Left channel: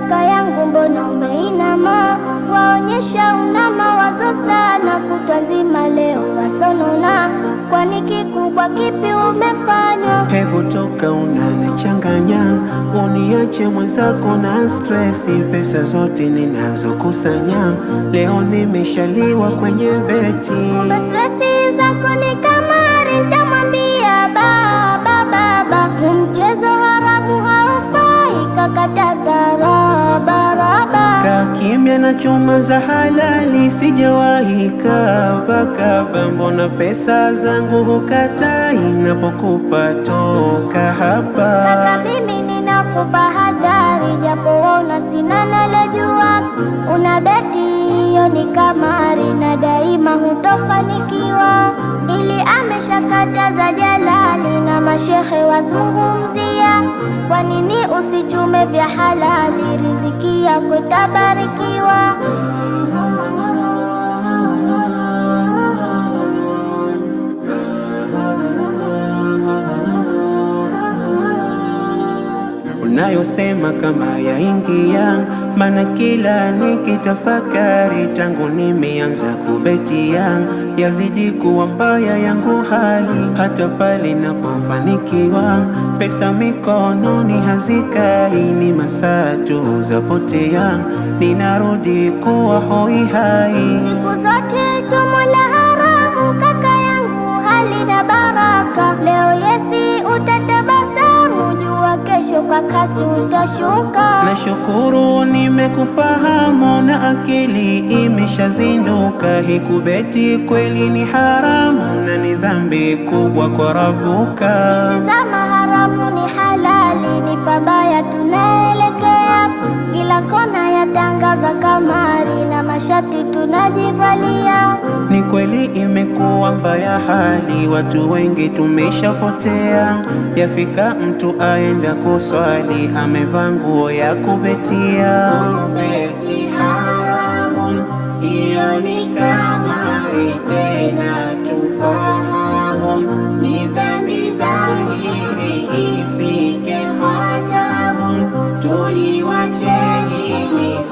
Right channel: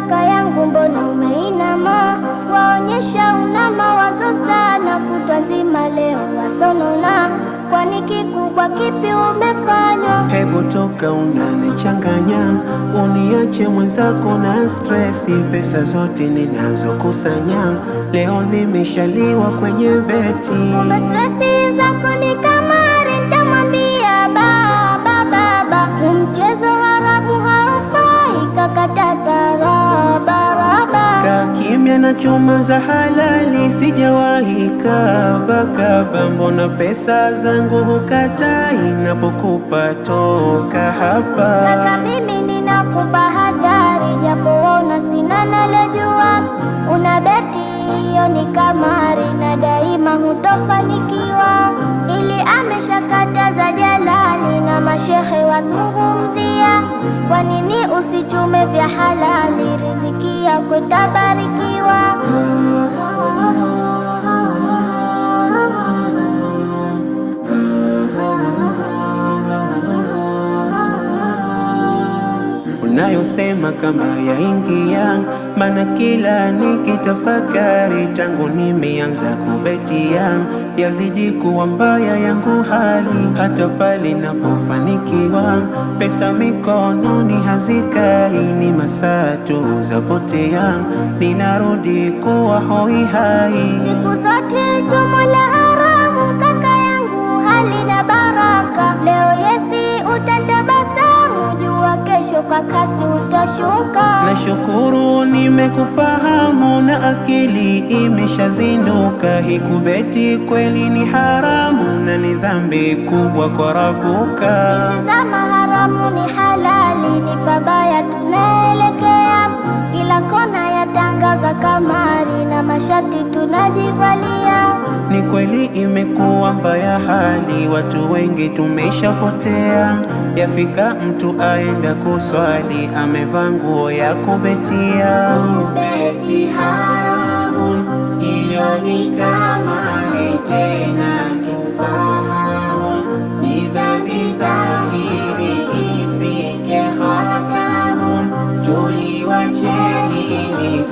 kaka yangu, mbona umeinama? Waonyesha una mawazo sana, kutwa nzima leo wasonona. Kwani kikubwa kipi umefanywa? Hebu toka, unanichanganya, uniache mwenzako na stresi. Pesa zote ninazokusanya leo nimeshaliwa kwenye beti. Kumbe stresi zako ni kamari, nitamwambia baba. Mchezo haramu haufai, kakataza raba. Kaa kimya na chuma za halali, sijawahi kaba. Mbona pesa zangu hukatai, napokupa toka hapa. Kaka mimi ninakupa hadhari, japo waona sina nalojua. Una beti hiyo ni kamari, na daima hutofanikiwa. Ili ameshakataza Jalali, na mashehe wazungumzia. Kwa nini usichume vya halali, riziki yako itabarikiwa. Unayosema kama yaingia, maana kila nikitafakari, tangu nimeanza kubetia yazidi kuwa mbaya yangu hali. Hata pale napofanikiwa, pesa mikononi hazikai, ni masaa tu zapotea, ninarudi kuwa hoi hai. Siku zote chumo la haramu, kaka yangu halina baraka. Leo yesi utatabasamu, jua kesho kwa kasi utashuka. Nashukuru nimekufahamu, na akili imeshazinduka. Hikubeti kweli ni haramu, na ni dhambi kubwa kwa Rabuka. Hizi zama haramu ni halali, ni pabaya tunaelekea. Kila kona yatangaza kamari, na mashati tunajivalia. Ni kweli imekuwa mbaya hali, watu wengi tumeshapotea. Yafika mtu aenda kuswali, amevaa nguo ya kubetia. Beti haramu, hiyo ni kamari, tena tufahamu. Ni dhambi dhahiri, ifike khatamu. Tuliwache hili